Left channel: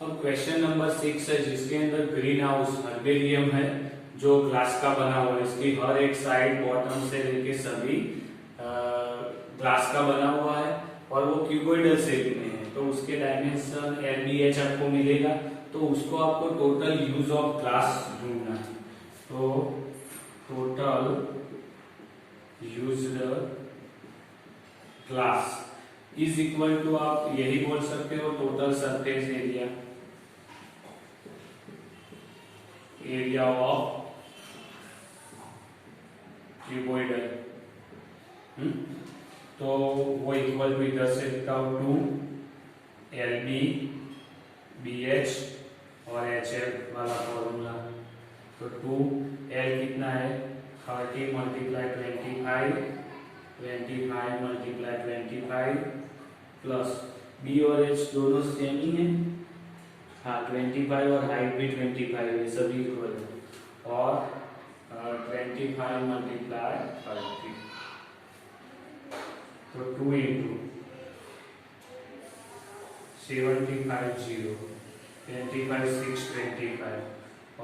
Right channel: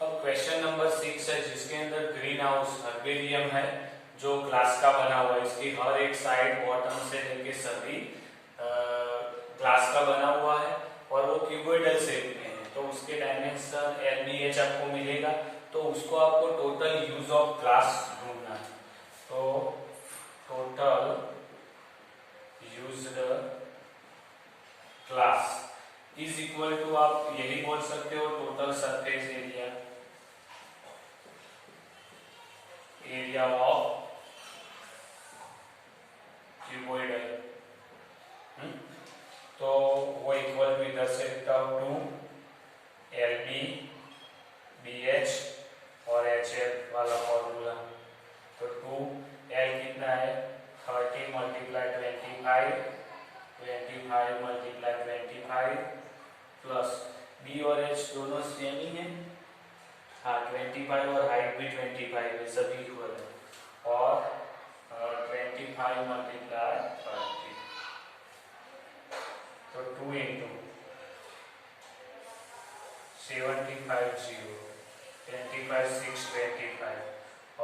अब question number 6 है जिसके अंदर ग्रीन हाउस हर्बेरियम है जो ग्लास का बना हुआ है। इसकी हर एक साइड बॉटम से लेके सभी ग्लास का बना हुआ है और वो क्यूबोइडल शेप में है। तो उसके डायमेंशन LBH आपको मिलेगा। तो उसको आपको टोटल यूज ऑफ ग्लास ढूंढना है। तो total used glass is equal to आप यही बोल सकते हो total surface area, area of cuboidal. तो वो इक्वल टू इधर से लिखता हूं 2 LBBH और HL वाला फॉर्मूला। तो 2L कितना है 30 मल्टीप्लाई 25, 25 मल्टीप्लाई 25 प्लस B और H दोनों सेम ही है। हाँ 25 और हाइट भी 25 है, सभी इक्वल है। और 25 मल्टीप्लाई 30 तो 2 इंटू 75 0 25 6 25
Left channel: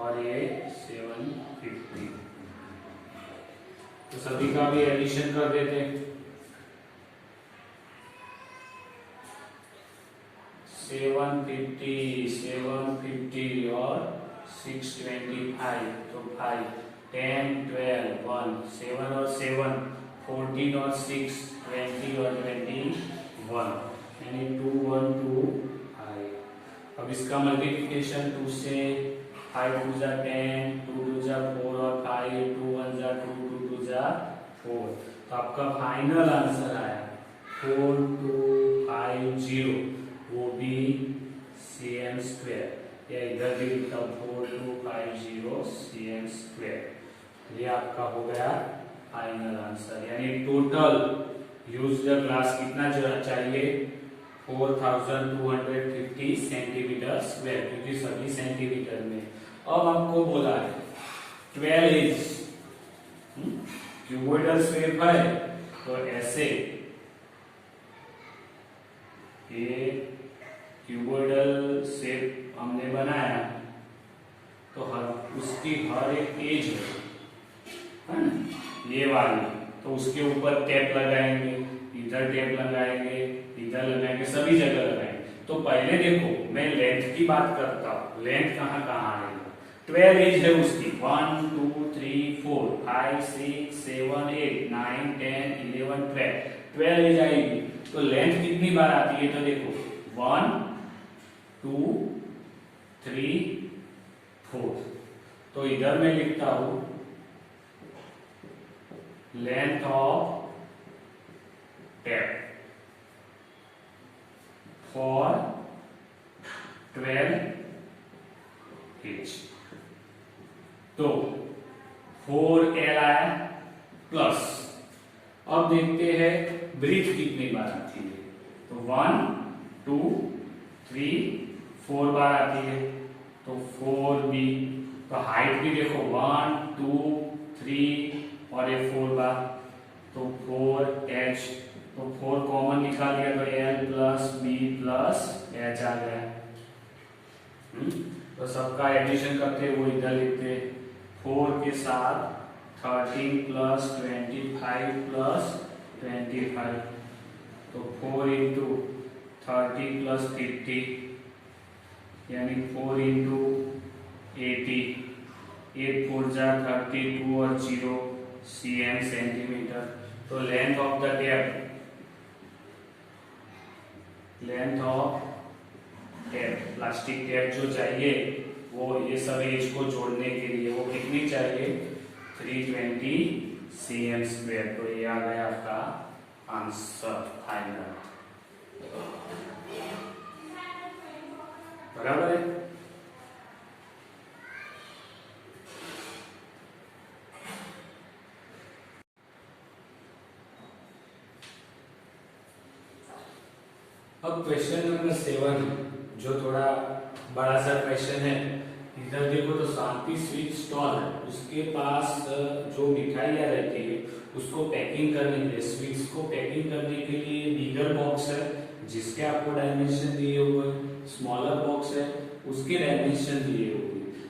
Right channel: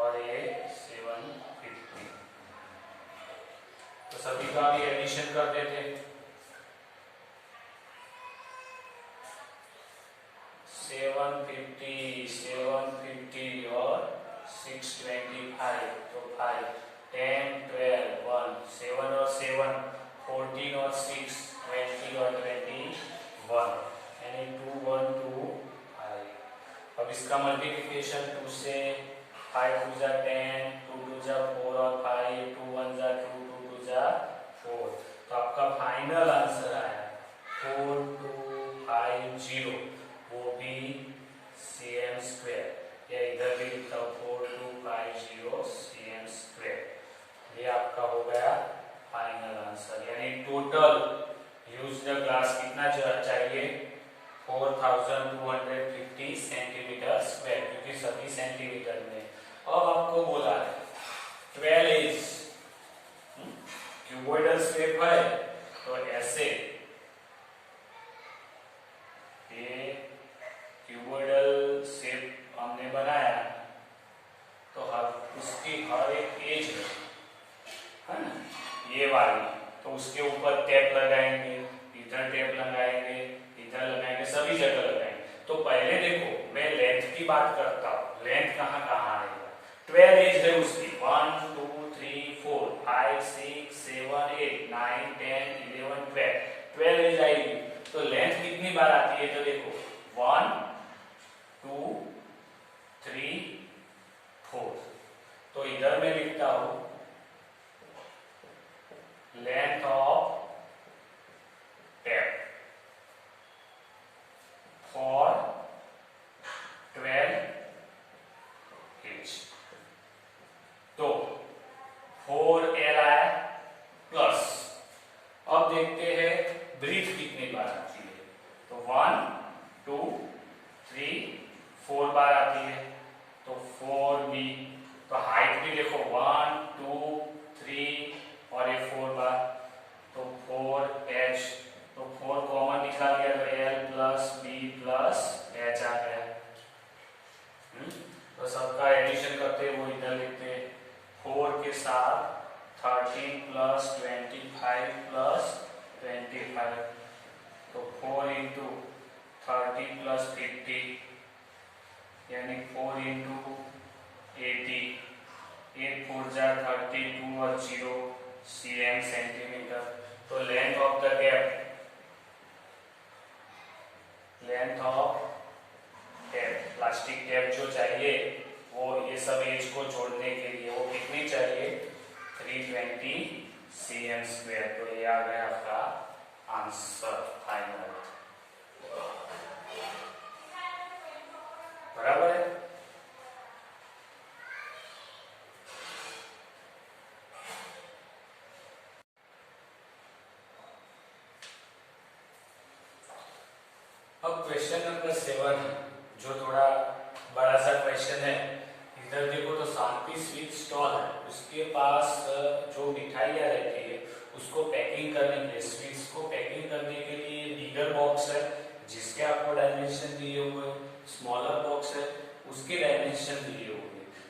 और ये 750। तो सभी का भी एडिशन कर देते हैं। 750 और 625 तो 5 10 12 1 7 और 7 14 और 6 20 और 21 यानी 2 1 2 5। अब इसका मल्टीप्लिकेशन 2 से 5 2 जा 10 2 2 जा 4 और 5 2 1 जा 2 2 2 जा 4। तो आपका फाइनल आंसर आया 4250, वो भी cm स्क्वायर। या इधर भी लिखता हूं 4250 cm स्क्वायर। ये आपका हो गया फाइनल आंसर। यानी टोटल यूज्ड ग्लास कितना चाहिए 4250 सेंटीमीटर स्क्वायर, क्योंकि सभी सेंटीमीटर में। अब आपको बोला है 12 इंच क्यूबोइडल शेप है तो ऐसे ये क्यूबोइडल शेप हमने बनाया तो उसकी हर एक एज है ना ये वाली, तो उसके ऊपर टेप लगाएंगे, इधर टेप लगाएंगे, इधर लगाएंगे, सभी जगह लगाएंगे। तो पहले देखो मैं लेंथ की बात करता हूँ, लेंथ कहाँ कहाँ आएगा। 12 एज है उसकी 1 2 3 4 5 6 7 8 9 10 11 12 एज आएगी। तो लेंथ कितनी बार आती है तो देखो 1 2 3 4। तो इधर मैं लिखता हूं length of tape for 12 inch. तो 4L आया प्लस अब देखते हैं ब्रीथ कितनी बार आती है। तो 1 2 3 4 बार आती है। तो 4B। तो हाइट भी देखो 1 2 3 और ये 4 बार तो 4H। तो 4 कॉमन निकाल दिया तो L plus B plus H आ गया। तो सबका एडिशन करते वो इधर लिखते 4 के साथ 13 प्लस 25 प्लस 25। तो 4 इंटू 30 प्लस 50 यानी 4 इंटू 80 8 4 जा 32 और 0 cm सेंटीमीटर। तो length of the tape, length of tape plastic tape जो चाहिए वो ये सब एज को जोड़ने के लिए वो कितनी चाहिए 320 cm स्क्वायर। तो ये आ गया आपका आंसर फाइनल। बराबर है। अब क्वेश्चन नंबर 7 जो थोड़ा बड़ा सा क्वेश्चन है। इधर देखो तो शांति स्वीट स्टॉल है, उसके पास जो मिठाइयाँ रहती है उसको पैकिंग करने के लिए, स्वीट्स को पैकिंग करने के लिए बिगर बॉक्स है जिसके आपको डायमेंशन दिए हुए, स्मॉलर बॉक्स है उसके डायमेंशन दिए हुए,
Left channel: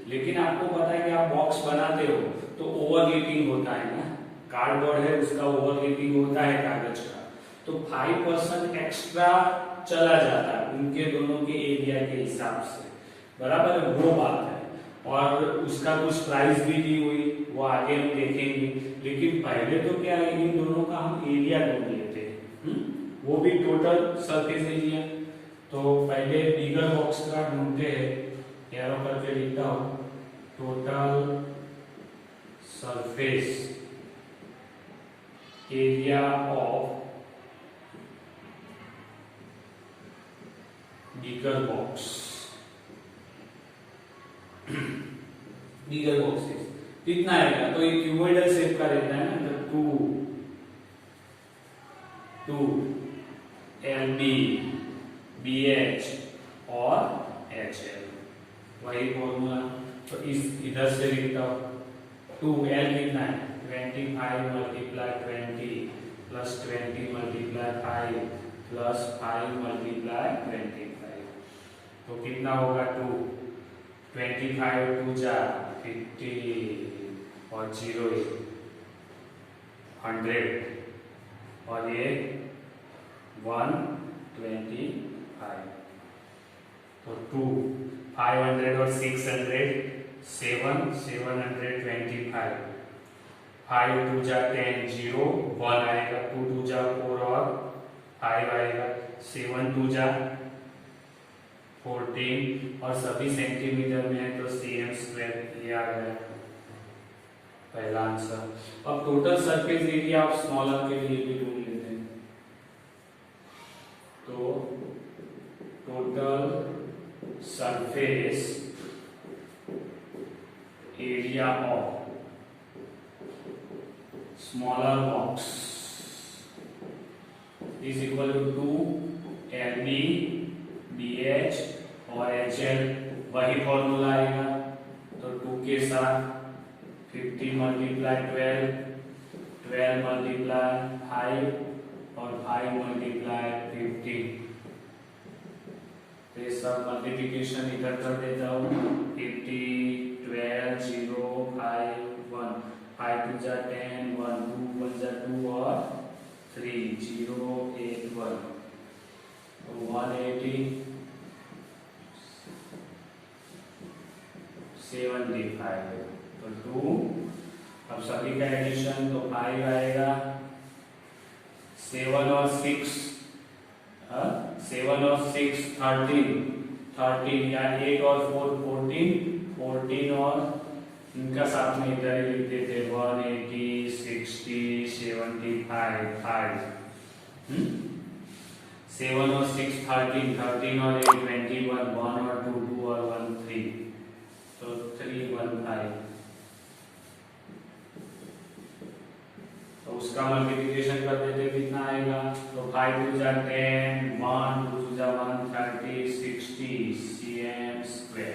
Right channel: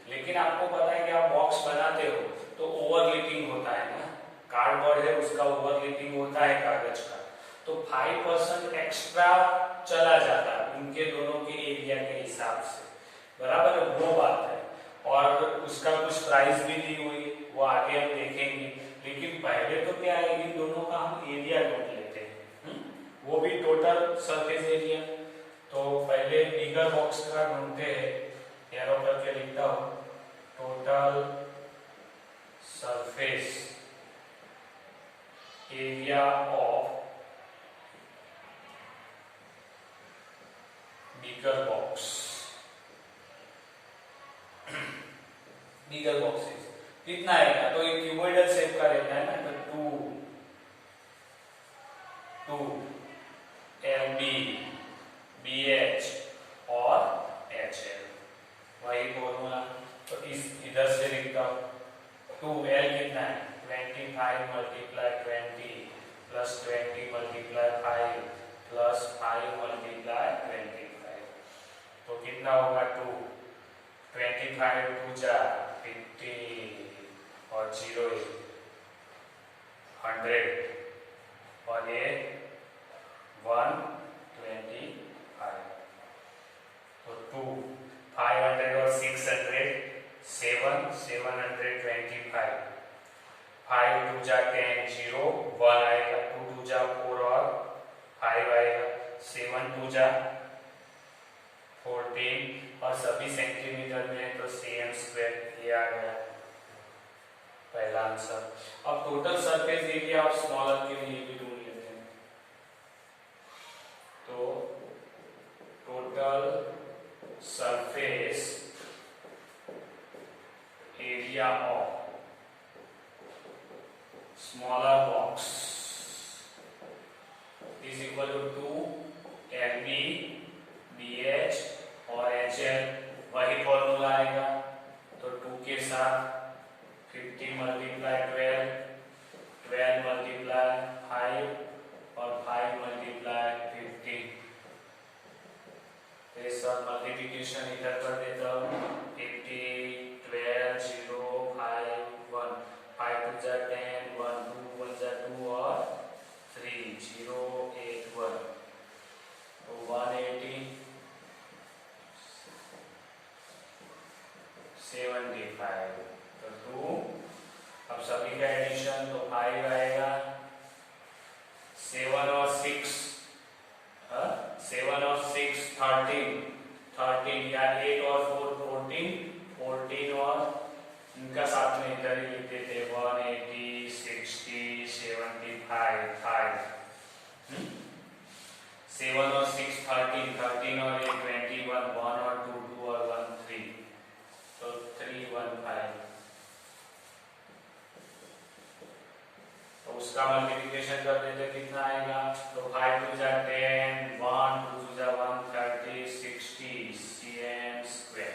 लेकिन आपको पता है कि आप बॉक्स बनाते हो तो ओवरलैपिंग होता है ना, कार्डबोर्ड है उसका ओवरलैपिंग होता है कागज का, तो 5% एक्स्ट्रा चला जाता है उनके दोनों के एरिया के हिसाब से, बराबर है, वो बात है। और उसका कुछ प्राइस भी दी हुई, वो आगे हम देखेंगे, लेकिन पहले तो क्या है, इन दोनों का हम एरिया ढूंढ लेते हैं, वो भी टोटल सरफेस एरिया। तो पहले बिगर बॉक्स का ढूंढते हैं, एरो करके लिखता हूं, total surface area of bigger box, bigger boxes कितना आएगा, तो ये क्यूबॉइडल शेप का रहता है ना, तो 2 LB BH और HL, वही फॉर्मूला। तो इस इधर से लिखता हूं, 2L कितना है, 25 multiply 20 plus 20 multiply 5 plus 5 multiply 25, तो कितना होगा 2, 25 2 जा 50 और 0 100 और ये 125, तो 2 500 और 600 725, 5 2 जा 10 0 1 आएगा, 2 2 जा 4 और 5 आएगा, 7 2 जा 14 और सभी सेंटीमीटर में है तो cm², ये आ गया पहला आंसर। अब टोटल सरफेस एरिया आप स्मॉलर के लिए भी ढूंढ लेते हैं, तो total surface area of smaller box is equal to 2 LB BH और HL, वही फॉर्मूला आएगा, तो 2 के साथ 50 मल्टीप्लाई 12, 12 मल्टीप्लाई 5 और 5 मल्टीप्लाई 50, तो ये सब मल्टीप्लिकेशन इधर कर देता हूँ, 50 12 0 5 1, 5 2 जा 10 1 2 1 जा 2 और 3 0 8 1, तो 180 75, तो 2, अब सभी का एडिशन तो 5 आएगा, 7 और 6 7 और 6 13 या 8 और 4 14 और इनका साथ में इधर ही लिख देते 180 60 75 5, 7 और 6 13 और 8 21 1 और 2 और 1 3, तो 315, तो उसका मल्टीप्लिकेशन कर देते कितना आएगा, तो 5 2 जा 10 1 2 जा 130 60 cm²,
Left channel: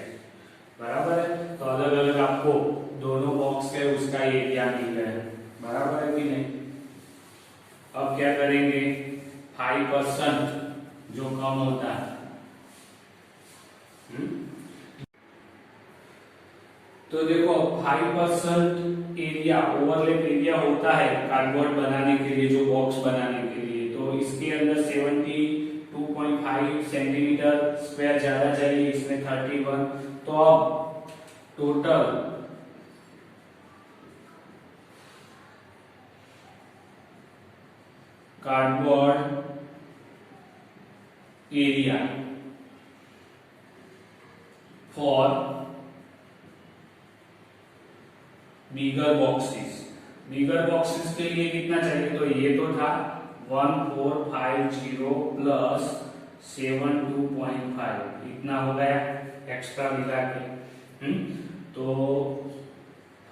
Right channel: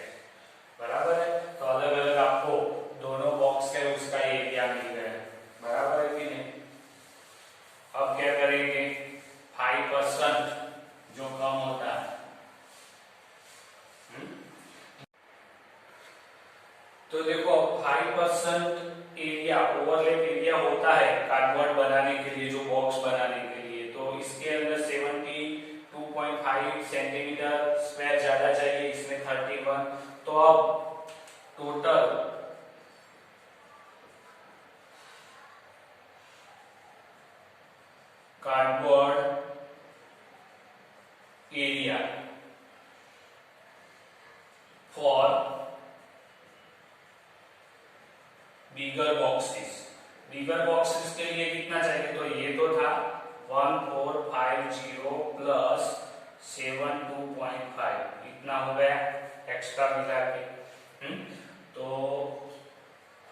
बराबर है। तो अलग अलग आपको दोनों बॉक्स है उसका एरिया मिल गया, बराबर है कि नहीं। अब क्या करेंगे, 5% जो कम होता है, तो देखो 5% एरिया ओवरलैप एरिया होता है कार्डबोर्ड बनाने के लिए, जो बॉक्स बनाने के लिए, तो इसके अंदर 72.5 सेंटीमीटर स्क्वायर ज्यादा चाहिए, इसमें 31, तो अब total cardboard area for bigger boxes के लिए कितना चाहिए, तो ये तो था 1450 प्लस 72.5, इतना हो गया एक्स्ट्रा मिला के, तो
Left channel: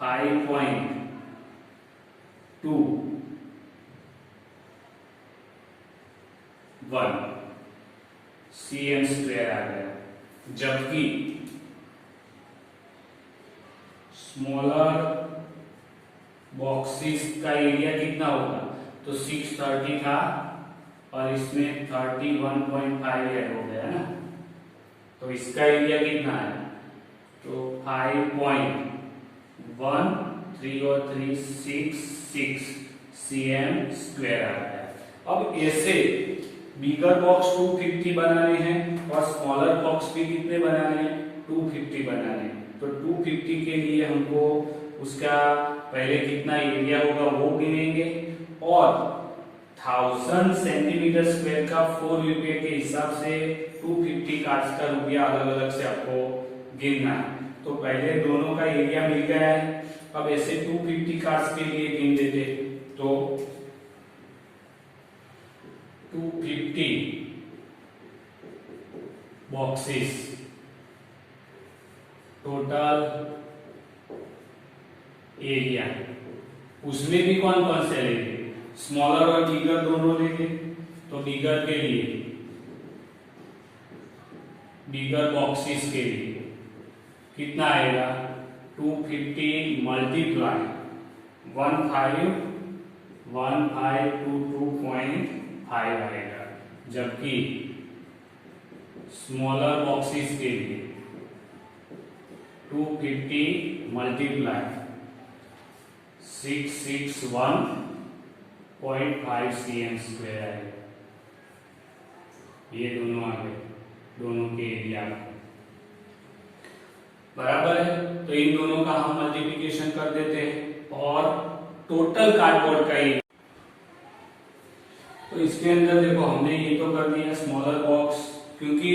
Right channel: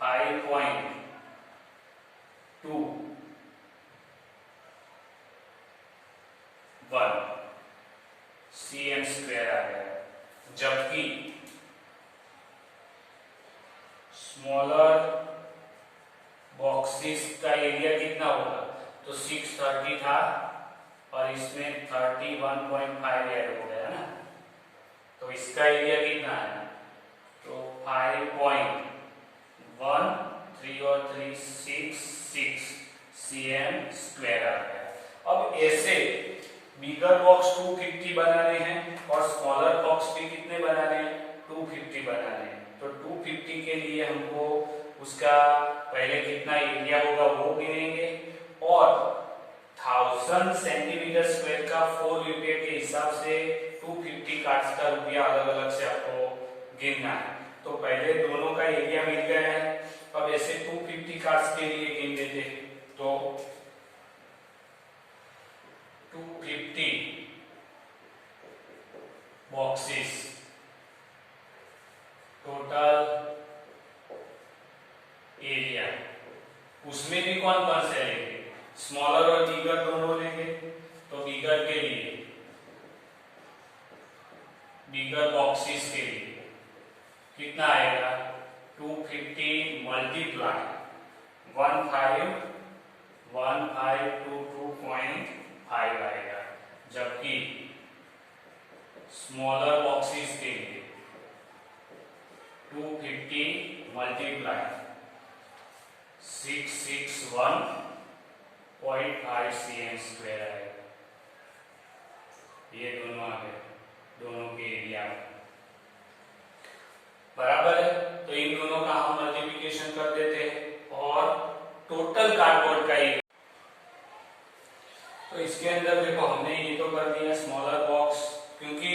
5.21 cm² आ गया, जबकि स्मॉलर बॉक्सेस का एरिया कितना होगा, तो 630 था और इसमें 31.5 ऐड हो गया ना, तो इसका एरिया कितना है, तो 5.13 और 3 6 cm स्क्वायर आ गया। अब ऐसे बिगर बॉक्स 250 बनाने हैं और स्मॉलर बॉक्स भी कितने बनाने हैं, 250 बनाने हैं। तो 250 के लिए हमको उसका पहले कितना एरिया होगा वो गिनेंगे और 1000 सेंटीमीटर स्क्वायर का 4 रुपये के हिसाब से 250 कार्ड्स का रुपया अलग अलग से आपको गिनना है। तो पहले दोनों का एरिया मिल गया है, अब ऐसे 250 कार्ड्स के लिए गिन देते हैं। तो 250 बॉक्सेस, टोटल एरिया, उसमें भी कौन कौन से लेंगे, स्मॉलर और बिगर दोनों लेंगे। तो बिगर के लिए, बिगर बॉक्सेस के लिए कितना आएगा, 250 मल्टीप्लाई 1522.5 आएगा, जबकि स्मॉलर बॉक्सेस के लिए 250 मल्टीप्लाई 661.5 cm स्क्वायर आएगा। ये दोनों आ गए, दोनों के एरिया बराबर है। तो इन दोनों का हम मल्टीप्लिकेशन कर देते हैं और टोटल कार्डबोर्ड का एरिया, तो इसके अंदर देखो हमने ये तो कर दिया स्मॉलर बॉक्स, क्योंकि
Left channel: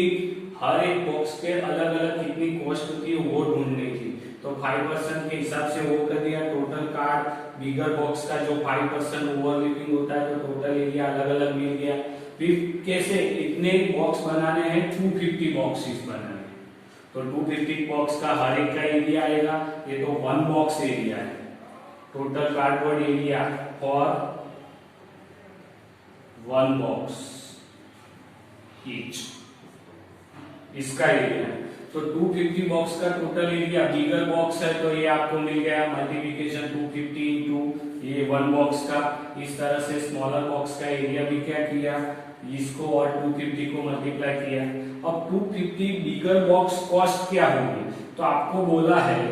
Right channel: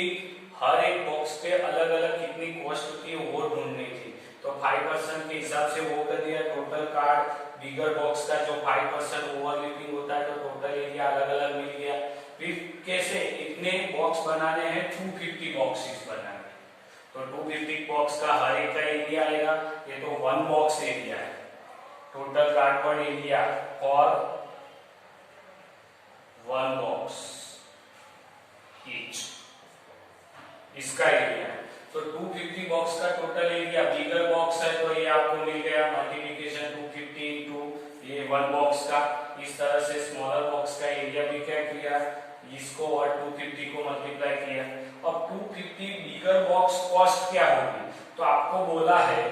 हर एक बॉक्स पे अलग अलग कितनी कॉस्ट होती है वो ढूंढनी थी, तो 5% के हिसाब से वो कर दिया। टोटल कार्ड बिगर बॉक्स का जो 5% ओवरलैपिंग होता है, तो टोटल एरिया अलग अलग मिल गया। फिर कैसे इतने बॉक्स बनाने हैं, 250 बॉक्सेस बनाने हैं, तो 250 बॉक्स का हर एक का एरिया आएगा, ये तो 1 बॉक्स एरिया है। Total cardboard area for 1 box each, इसका एरिया है। तो 250 बॉक्स का टोटल एरिया, बिगर बॉक्स है तो ये आपको मिल गया मल्टीप्लिकेशन 250 इंटू ये 1 बॉक्स का। इस तरह से स्मॉलर बॉक्स का एरिया भी क्या किया, इसको और 250 को मल्टीप्लाई किया। अब 250 बिगर बॉक्स कॉस्ट क्या होगी, तो आपको बोला है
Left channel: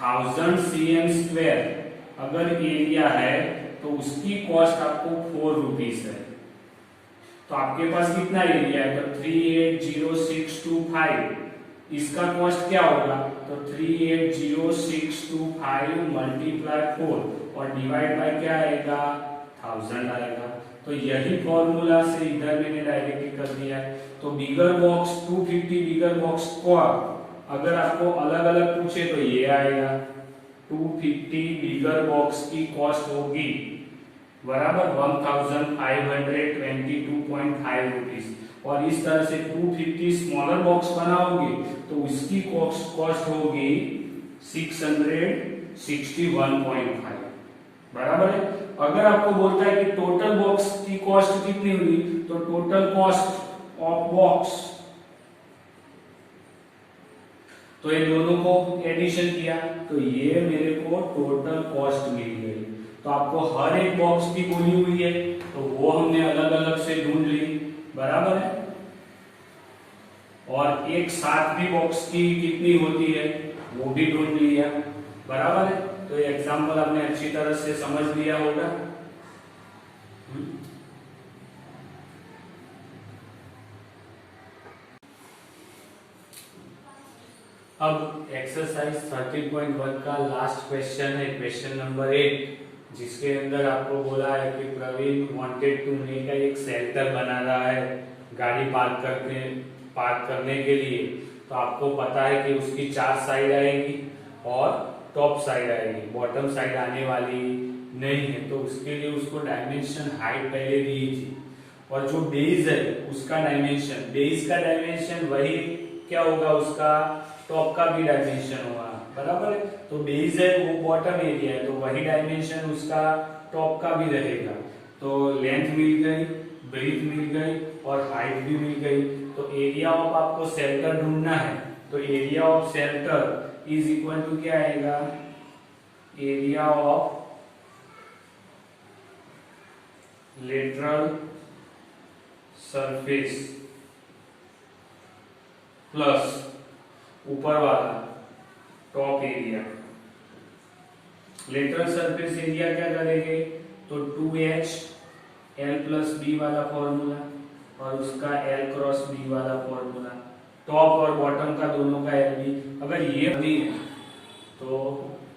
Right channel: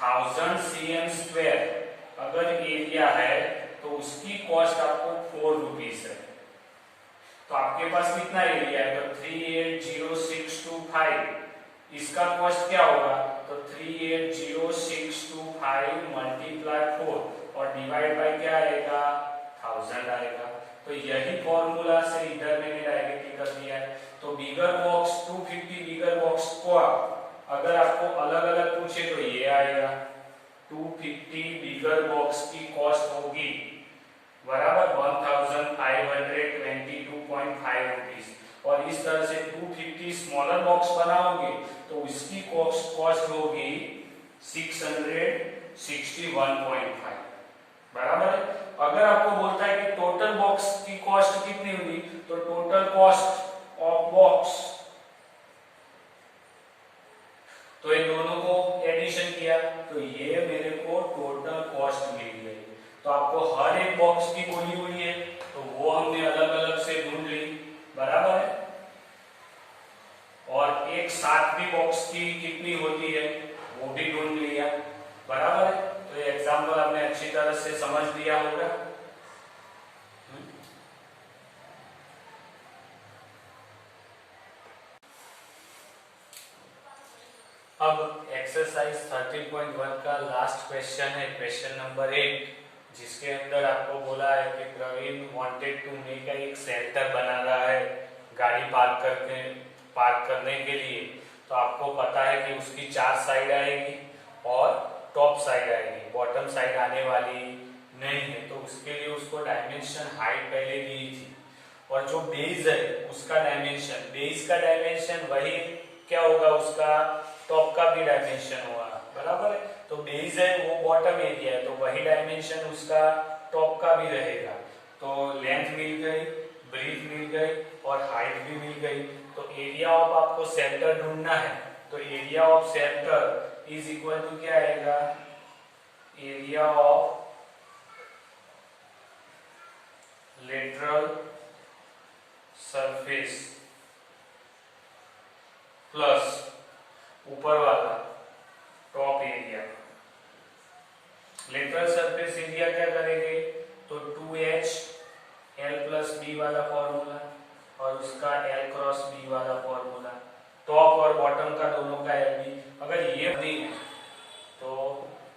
1000 cm स्क्वायर अगर एरिया है तो उसकी कॉस्ट आपको 4 रुपीज है। तो आपके पास कितना एरिया है, तो 380625, इसका कॉस्ट क्या होगा, तो 380625 मल्टीप्लाई 4 और डिवाइड बाय क्या आएगा, 1000 आएगा। तो यही फॉर्मूला से इधर मैंने डायरेक्टली कर दिया है। तो बिगर बॉक्स 250 बिगर बॉक्स को अगर आपको अलग अलग पूछे तो ये आएगा, 250 बिगर बॉक्स की कॉस्ट होगी बराबर 1522.5 रुपीज, और इस तरह से 250 स्मॉलर बॉक्स बनाओगे तो उसकी कॉस्ट होगी 661.5 बराबर है। अगर आपको बोलता है कि टोटल बॉक्स की कॉस्ट कितनी होगी, तो टोटल कॉस्ट ऑफ बॉक्स, तो ये दोनों को एडिशन किया तो ये मेरे को टोटल कॉस्ट मिल गई। तो आपको हर एक बॉक्स की बोली हुई है तो वो हमने अलग अलग से ढूंढ ली बराबर है, और एक साथ भी बॉक्स की कितनी होती है वो भी ढूंढ लिया बराबर है। तो ये एग्जाम्पल आपने अच्छी तरह से समझ लिया होगा। अब एक्सरसाइज 13.1 का लास्ट क्वेश्चन है, क्वेश्चन नंबर 8, जिसके अंदर आपको बोला है कि प्रवीण वांटेड टू मेक एक शेल्टर बना रहा है गाड़ी पार्क करने के लिए। तो आपको पता है कि उसकी 4 साइड आएगी और टॉप साइड आएगी, बॉटम साइड आने वाली नहीं है। तो उसके लिए उसको डायमेंशन हाइट पहले दी थी, और जो बेस है उसका डायमेंशन, बेस का डायमेंशन वही क्या होगा, उसका टॉप का भी डायमेंशन होगा बराबर है। तो बेस है वो बॉटम एरिया है, तो वही डायमेंशन उसका टॉप का भी रहेगा। तो लेंथ मिल गई, ब्रीथ मिल गई और हाइट भी मिल गई। तो एरिया ऑफ आपको सेंटर ढूंढना है, तो area of centre is equal to क्या आएगा, area of lateral surface plus ऊपर वाला top area. Lateral surface area क्या करेंगे, तो 2h l प्लस बी वाला फॉर्मूला और उसका l क्रॉस बी वाला फॉर्मूला, टॉप और बॉटम का दोनों का l बी। अगर ये नहीं है तो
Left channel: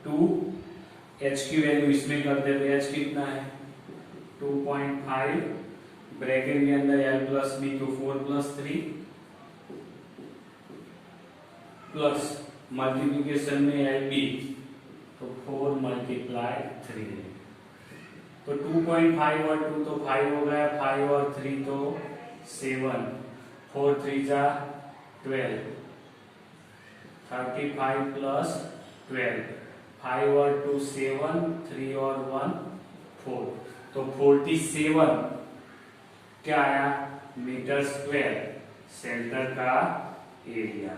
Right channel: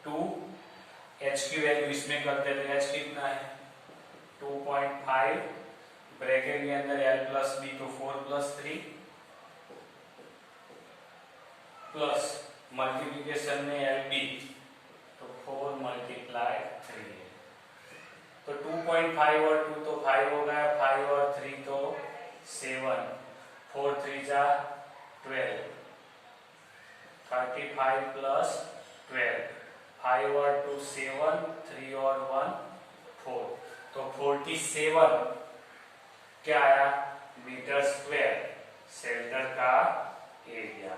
2h की वैल्यू इसमें कर दे तो h कितना है 2.5, ब्रैकेट के अंदर l प्लस बी तो 4 प्लस 3 प्लस मल्टीप्लीकेशन में एल बी तो 4 मल्टीप्लाई 3, तो 2.5 और 2 तो 5 हो गया, 5 और 3 तो 7, 4 3 जा 12, 35 प्लस 12, 5 और 2 7, 3 और 1 4, तो 47 क्या आया मीटर स्क्वायर सेंटर का एरिया।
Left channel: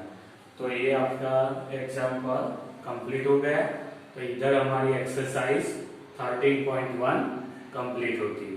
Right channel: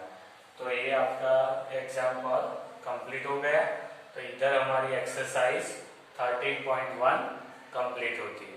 तो ये आपका एग्जाम्पल कंप्लीट हो गया। तो इधर हमारी एक्सरसाइज 13.1 कंप्लीट होती है।